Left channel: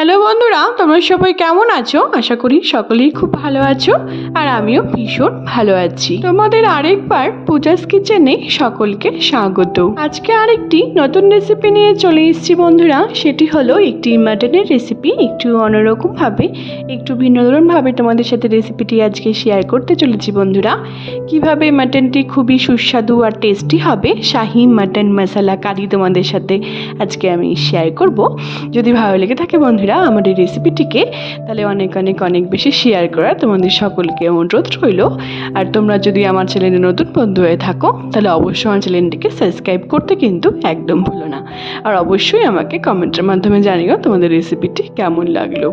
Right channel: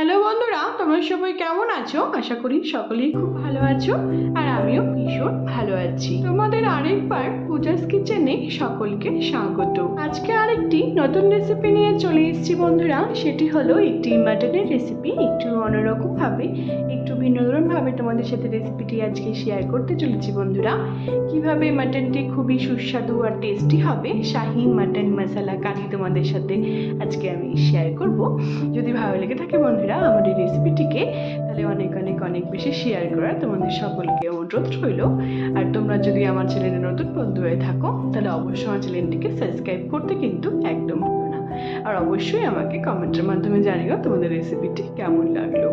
Hello বন্ধুরা, তোমরা সবাই কেমন আছো? আশা করি সকলেই খুব ভালো আছো আর আমিও ভীষণ ভালো আছি। তোমাদের আরেকবার পূজাস কিচেনে সকলকে স্বাগত। আজকে আরেকটি নতুন রেসিপি নিয়ে চলে এসেছি বন্ধুরা। সেটি হলো একটি মাটনের রেসিপি। একটু অন্যরকম ভাবে, একটু ভিন্ন ধরন ভাবে তোমাদের সাথে রেসিপিটি আজকে শেয়ার করতে চলেছি বন্ধুরা। কিভাবে মাটনটি খুবই সুস্বাদু আর টেস্টি হবে, শাহি মাটন মশলা কারি তোমাদের সাথে আজকে আমি শেয়ার করব। যদি ভালো লেগে থাকে বন্ধুরা আমার এই রেসিপিটিকে, তাহলে অনেক অনেক অনেক বেশি শেয়ার করার তোমাদের সকলকে অনুরোধ রইল। আর তোমরা যদি আমার চ্যানেলে নতুন বন্ধু হয়ে থাকো, তাহলে অবশ্যই আমার চ্যানেলটিকে সাবস্ক্রাইব করতে কিন্তু একদম ভুলো না। আর অবশ্যই আমাকে কমেন্টের মাধ্যমে জানিও তোমাদের রেসিপিটি কেমন লাগলো।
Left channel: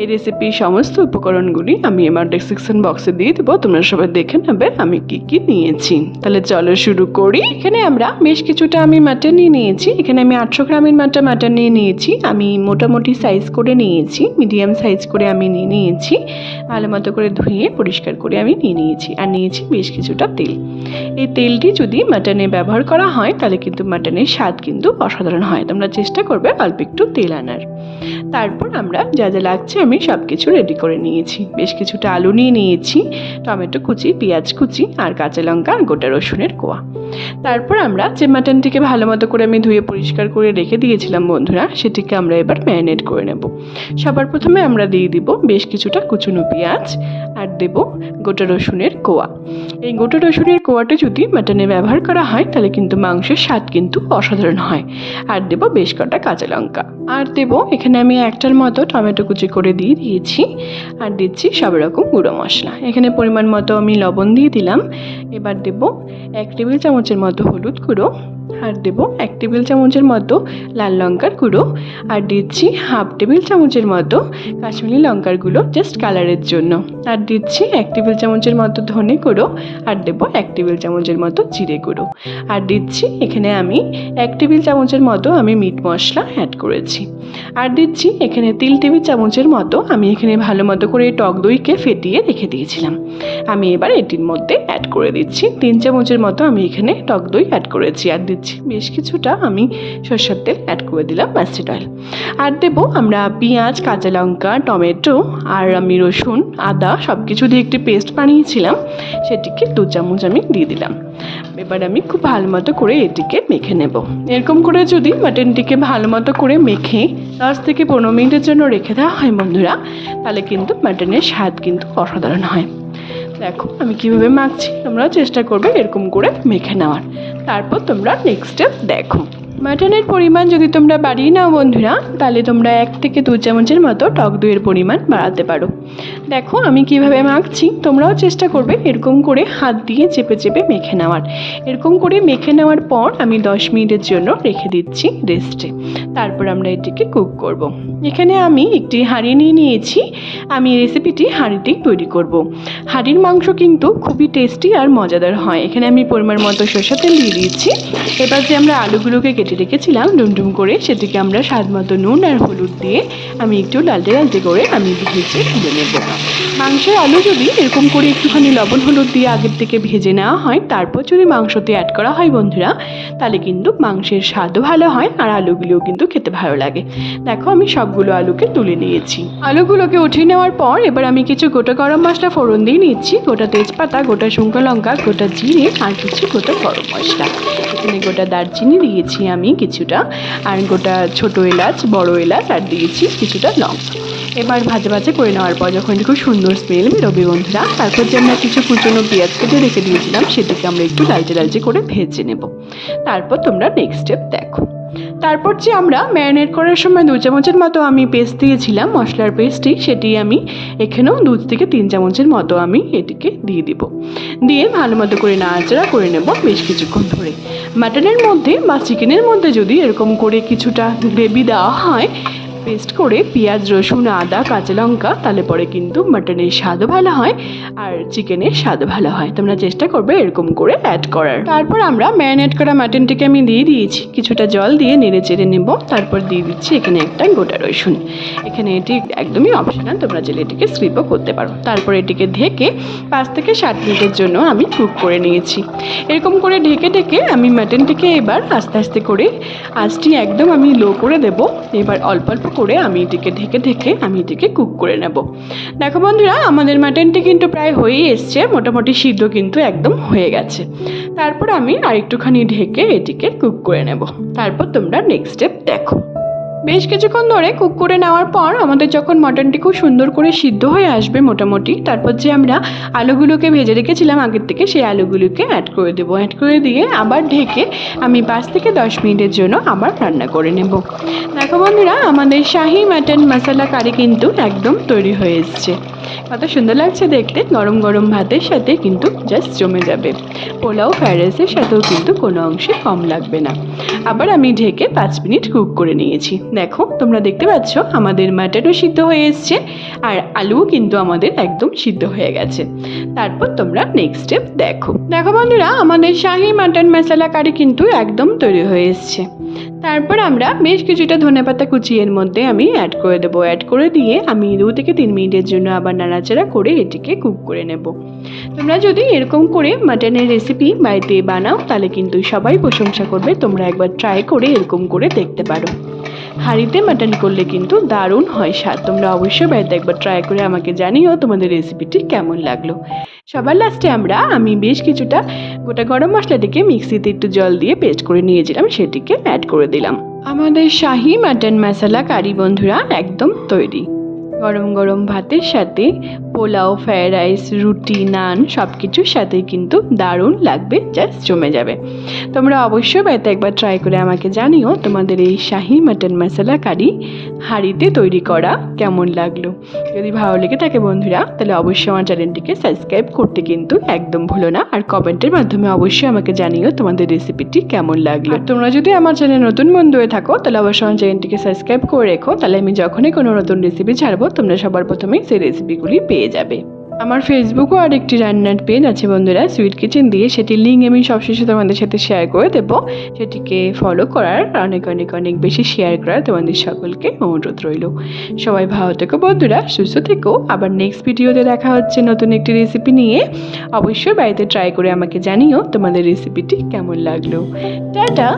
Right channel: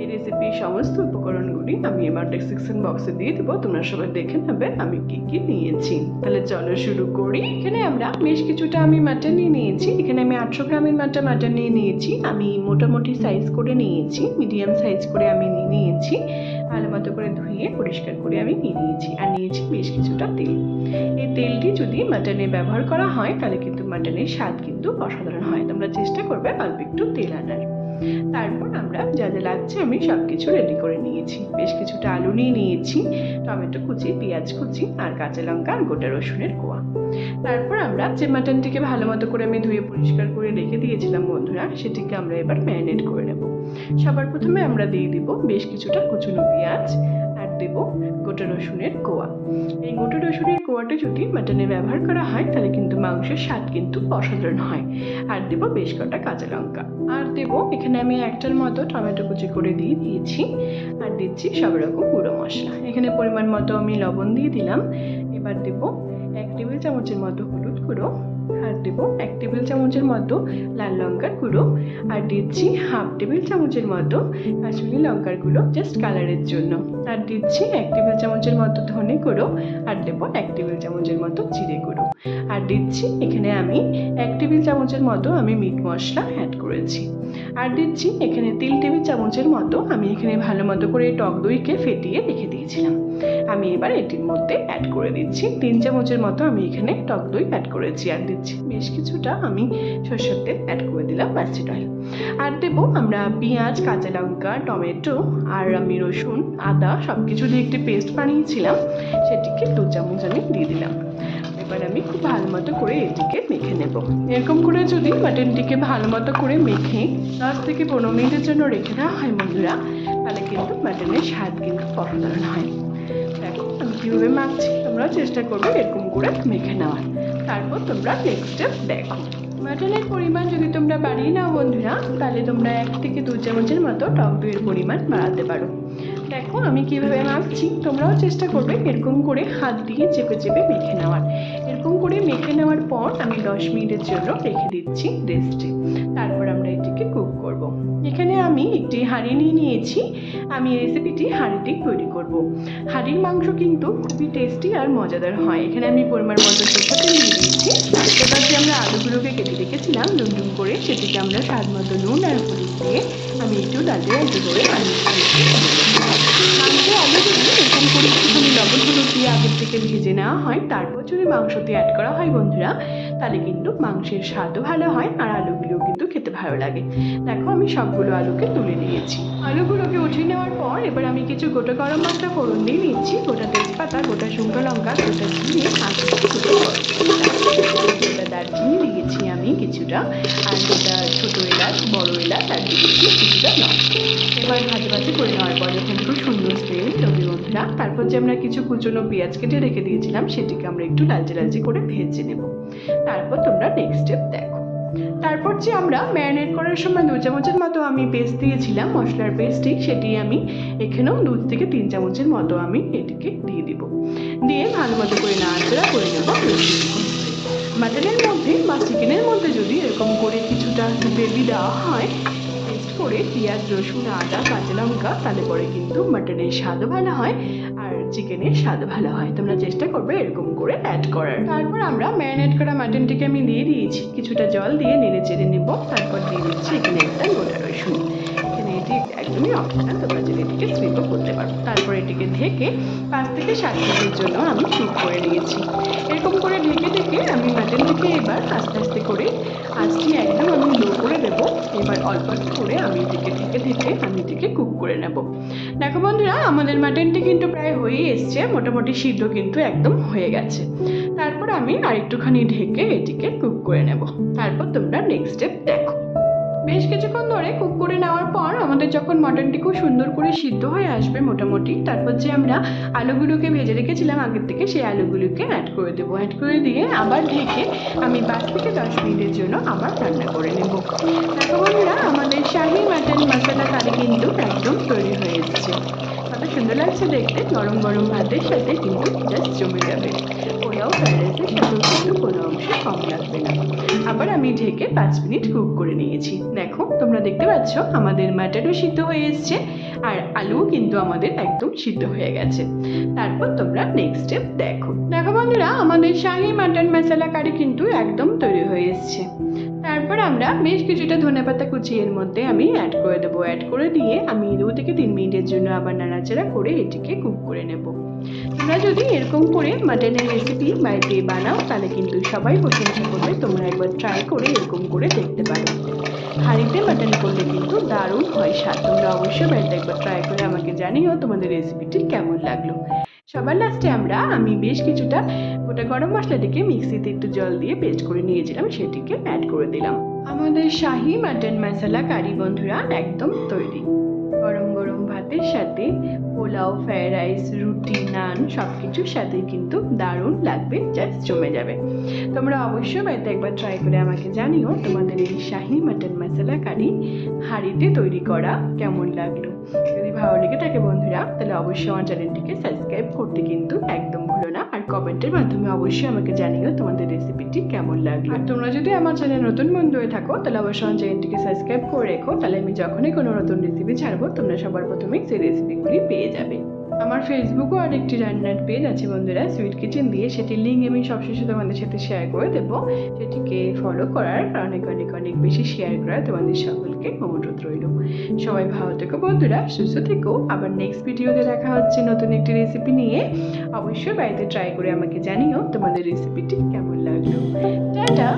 এই রেসিপির সমস্ত উপকরণগুলি আমি আমার ডেসক্রিপশন বক্সে দিয়ে দেবো, তোমরা সবাই দেখে নেবে আমি কি কি নিয়েছি। তাহলে চলো শুরু করি। এখানে আমরা বেশ কিছুটা আমি মাটন নিয়েছি। এখানে আমি 800 গ্রামের মাটন নিয়েছি। আমি মোটামুটি সাইজ করে নিয়েছি, মিডিয়াম সাইজ করে আমি নিয়েছি। ভালো মতো করে ধুয়ে পরিষ্কার করে আমি নিয়েছি। আর নিয়েছি বেশ কিছুটা তেল। এই তেলটি যদি মাটনে ব্যবহার করা হয় তাহলে কিন্তু মাটনের স্বাদ কিন্তু অসাধারণ হয়। তোমরা চেষ্টা করবে অল্প একটু তেল আনার। তারপর আমরা যা যা লাগছে আমি সব কিছু রেডি করে নিয়েছি। বেশ কিছুটা আলু নিয়েছি, টমেটো কুচি, পেঁয়াজ কুচি আর কাঁচা লঙ্কা আর গোটা রসুনের কোয়া। তারপর আমরা যে মাটনটিকে ভালো মতো করে আমি ধুয়ে পরিষ্কার করে রেখে দিয়েছিলাম বন্ধুরা, সেটিকে আমরা এবার ম্যারিনেট করে নেব। সবার প্রথমে আমরা দিয়ে দিব বেশ কিছুটা কুচনো পেঁয়াজ আর দেব গোটা রসুনের কোয়া। এই গোটা রসুনের কোয়াটা যদি মাটনে ব্যবহার করা হয় তাহলে কিন্তু মাংসের স্বাদ কিন্তু অসাধারণ হয়। আর দেব বেশ কটা কাঁচা লঙ্কা। আর দেব এখানে আমি একটার মতো টমেটো কুচি করে দিয়েছি। আর দিচ্ছি সব রকম গুঁড়ো মশলা। এখানে পরিমাণ মতো আমি লবণ দিয়ে দিলাম। এবার দেব 1 টেবিল চামচের মতো হলুদ গুঁড়ো। আর দেব 1 টেবিল চামচের মতো লাল লঙ্কার গুঁড়ো। আর দিচ্ছি 1/2 টেবিল চামচের মতো কাশ্মীরি লঙ্কার গুঁড়ো জাস্ট কালারের জন্য। আর দিচ্ছি 1 টেবিল চামচের মতো ধনে গুঁড়ো। আর দেব 1 টেবিল চামচের মতো জিরে গুঁড়ো। আর দিচ্ছি এখানে আমি 1 টেবিল চামচের মতো আমি মিট মশলা অ্যাড করেছি। আর দিচ্ছি এখানে 3 টেবিল চামচের মতো আমি এখানে ভালো মতো করে টক দইকে ফেটিয়ে রেখে দিয়েছিলাম। আমি এবার এটির মধ্যে অ্যাড করে দিচ্ছি 3 চামচের মতো আমি এখানে টক দই অ্যাড করেছি। আর দিচ্ছি বেশ কিছুটা আমি সরষের তেল অ্যাড করে দিলাম, মাস্টার্ড অয়েল। আর দেব আমরা পেঁয়াজ, কাঁচা লঙ্কা, টমেটো আর আমি রসুন, আদা সব কিছু দিয়ে একটি পেস্ট বানিয়েছিলাম, সেটিকে 2 চামচ আমি দিয়ে দিলাম। এবার আমি খুব ভালো মতো করে এটিকে মেখে নেব। এরকম করে যদি মাটনটিকে ভালো মতো করে মেখে 10 থেকে 15 মিনিটের জন্য রেখে দেওয়া হয় বন্ধুরা, তাহলে কিন্তু মাটনের স্বাদ কিন্তু অসাধারণ হয়। দেখো আমি কীভাবে মাখছি, তোমরাও চেষ্টা করবে এরকম করে মেখে নেওয়ার। তারপর তোমরা নেক্সট স্টেপ দেখো। মাটনের পরিমাণ যদি তোমরা বাড়িয়ে নাও বন্ধুরা, তাহলে তোমরা 1 থেকে 2 চামচের মতো টক দইয়ের পরিমাণ বাড়াতে পারো। দেখো আমি কিভাবে মাখছি, তোমরাও চেষ্টা করবে এরকম করে হাত দিয়ে চেপে চেপে মেখে নেওয়ার। এরকম করে মেখে নেওয়ার পর আমি 10 মিনিটের জন্য রেখে দিচ্ছি রেস্টে। তারপর আমরা এটিকে কুক করব। এখানে আমি একটি হাঁড়ি নিয়েছি। আমি রেসিপিটি হাঁড়িতেই তৈরি করব। হাঁড়ির মাংস কিন্তু খুবই টেস্টি আর মজাদার হয়। এখানে আমি পরিমাণ মতো সরষের তেল দিয়ে দিচ্ছি। এবার যে আমরা আলুগুলোকে কেটে রেখেছিলাম ডুমডুম করে, সেটিকে আমরা স্বাদ মতো নুন আর হলুদ দিয়ে আমি একটু লালটে করে আমি ভেজে নেব। মাংসের আলু যদি এরকম করে একটুখানি লবণ হলুদ দিয়ে আগের থেকে ভেজে নেওয়া হয়, তারপর যদি মাংসতে অ্যাড করা হয় বন্ধুরা, তাহলে কিন্তু মাংসের স্বাদও ভালো হয় আর আলুগুলোও কিন্তু খেতে ভালো লাগে। দেখো আমি সবগুলো আলুকে তুলে নিয়েছি। আলুগুলোকে উঠিয়ে নেওয়ার পর এবার আমি কিছু গোটা গরম মশলা ফোড়ন দিয়ে নিচ্ছি। গোটা তেজপাতা, গোটা শুকনো লঙ্কা, গোটা জিরে আর কিছু গোটা গরম মশলা। এখানে গোটা দারচিনি দিয়েছি আমি কিছুটা, আর গোটা ছোটো এলাচ, বড় এলাচ আর দিয়েছি কিছুটা লঙ্কা। এবার ভাজা করে নেওয়ার পর যখন খুব সুন্দর স্মেল বেরোবে বন্ধুরা, তারপর যে আমরা কিছু কুচনো পেঁয়াজ কেটে রেখে দিয়েছিলাম সেটিকে আমরা একটু লালচে করে ভেজে নেব। তারপর তোমরা নেক্সট স্টেপ দেখো। তারপর যে আমরা ম্যারিনেট করার সময় 2 চামচের মতো আমি পেস্ট দিয়েছিলাম, মশলার পেস্টটি, সেটি আমি এখানেও 2 থেকে 3 চামচের মতো আমি এটিকে দিয়ে দিব। দিয়ে ভালো মতো করে নাড়াচাড়া করে নেব বেশ কিছুক্ষণ ধরে। মাটনের মধ্যে বা চিকেনের মধ্যে যদি এরকম করে কিছুটা গ্রেভি দেওয়া হয় পেস্ট করে, পেঁয়াজ, রসুন, আদা, কাঁচা লঙ্কা, তাহলে পরে কিন্তু মাটনের স্বাদও ভালো হয় আর চিকেনের স্বাদও ভালো হয়। তোমরা চেষ্টা করবে এরকম করে অ্যাড করার। তারপর আমরা ম্যারিনেট করা মাটনটিকে আমি দিয়ে দিয়েছি, কিছুটা জল দিয়ে নেড়ে চেড়ে নেব। তারপর দিয়ে দিচ্ছি এখানে একটা গোটা রসুন। এখানে এটি একদমই অপশনাল, তোমরা চাইলে এটিকে স্কিপও করতে পারো। তারপর এটিকে ঢেকে 5 থেকে 7 মিনিটের জন্য আমি কুক করে নিয়েছি। এরকম করে ঢেকে আমি মাটনটিকে এবার আস্তে আস্তে করে আঁচটি একদম আমি লো করে দেব। এবার অল্প অল্প করে আমি এটিকে ঢেকে আমি এটিকে কুক করে নেব। দেখো বন্ধুরা, আমাদের মাটনটি কিন্তু প্রায় হয়েই এসছে, মোটামুটি সিদ্ধ কিন্তু একদম হয়ে গেছে। তারপর আমি আরেকটুখানি ঢেকে এটিকে কুক করে নেব। তারপর তোমরা নেক্সট স্টেপ দেখো। বেশ কিছুক্ষণ ধরে কুক করে নেওয়ার পর আমাদের যখন মটনটি খুব সুন্দর করে সিদ্ধ হয়ে আসবে মোটামুটি, তারপর যে আমরা আলুগুলোকে ভেজে রেখেছিলাম আগের থেকে, সেই আলুগুলোকে অ্যাড করে দেবো। অ্যাড করে দিয়ে আবার ঢেকে আমি 5 থেকে 10 মিনিটের জন্য আবার রান্না করে নেব। দেখো বন্ধুরা, আমাদের শাহি মাটন মশলা কারি কিন্তু একদম তৈরি হয়ে এসছে। কত সুন্দর লাগছে দেখতে, গরম গরম ভাতের সাথে কিন্তু জাস্ট জমে যাবে। পোলাও ফ্রাইড রাইসের সাথেও কিন্তু কোনো অংশে কম লাগবে না। আবার আমি ঢেকে 5 মিনিট কুক করে নিয়েছি। দেখো, তোমরা দেখতে পাচ্ছ আমাদের মাটনও সিদ্ধ হয়ে এসছে আর আলুও কিন্তু আমাদের একদম সিদ্ধ হয়ে গেছে। তারপর তোমরা নেক্সট স্টেপ দেখো। দেখো বন্ধুরা, আমাদের শাহি মাটন মশলা কারি কিন্তু একদম তৈরি হয়ে এসছে। তারপর আমরা বেশ কিছুটা ধনেপাতা কুচি এর মধ্যে আমি অ্যাড করে দেবো। অ্যাড করে দিয়ে আমি 2 থেকে 3 মিনিটের জন্য আবার নাড়াচাড়া করে এটিকে কুক করে নেব। তোমরা যদি এরকম করে মাটনের রেসিপি বাড়িতে বানাও তাহলে কিন্তু সবাই প্রশংসা করবে। তোমরা একবার ট্রাই করে এরকম করে দেখতে পারো। হাঁড়িতে মাটন করলে কিন্তু দারুণ হয় স্বাদ। তোমরা অবশ্যই বাড়িতে একবার ট্রাই করে আমাকে জানিও তোমাদের রেসিপিটি কেমন লাগলো। সবার লাস্টে আমি বেশ কিছুটা গোটা গরম মশলাটিকে মিক্সিতে একটু জল দিয়ে পেস্ট করে নিয়েছিলাম, সেটিকে অ্যাড করে দিলাম। আমাদের শাহি মাটন মশলা কারি বন্ধুরা একদম তৈরি। গরম গরম ভাতের সাথে পোলাও, ফ্রাইড রাইস, রুটি, নান সব কিছুর সাথেই কিন্তু দারুণ লাগবে, জাস্ট জমে যাবে। তোমরা অবশ্যই বাড়িতে একবার ট্রাই করে আমাকে জানিও তোমাদের এই শাহি মাটন মশলা কারি হাঁড়িতে তৈরি করা কেমন লাগলো। যদি ভালো লেগে থাকে বন্ধুরা, তাহলে অবশ্যই আমার চ্যানেলটিকে সাবস্ক্রাইব করতে কিন্তু একদম ভুলো না। আর কমেন্টের মাধ্যমে অবশ্যই আমাকে জানিও তোমাদের রেসিপিটি কেমন লাগলো। আর তোমরা যদি আমার চ্যানেল নতুন বন্ধু হয়ে থাকো তাহলে অবশ্যই আমার চ্যানেলটিকে সাবস্ক্রাইব করে রেখো, তাহলে আমি যখনই কোনো নতুন রেসিপি ছাড়বো তোমরা সবার প্রথমেই সেই রেসিপিগুলি পেয়ে যাবে। আমার ফেসবুকও আর একটি রান্নার পেজ আছে বন্ধুরা, সুইট কিচেন দিয়ে, সেটির লিঙ্ক আমি সবশেষে তোমাদের সাথে শেয়ার করে দেবো। সেটিকে ফলো করার, অনেক অনেক অনেক বেশি শেয়ার করার তোমাদের সকলকে অনুরোধ রইল। সবাই ভালো থেকো বন্ধুরা, সুস্থ থেকো। আবার নেক্সট ভিডিওতে দেখা হচ্ছে নতুন একটি রেসিপি নিয়ে। অবশ্যই বাড়িতে ট্রাই করে আমাকে জানিও তোমাদের রেসিপিটি কেমন লাগলো। টাটা।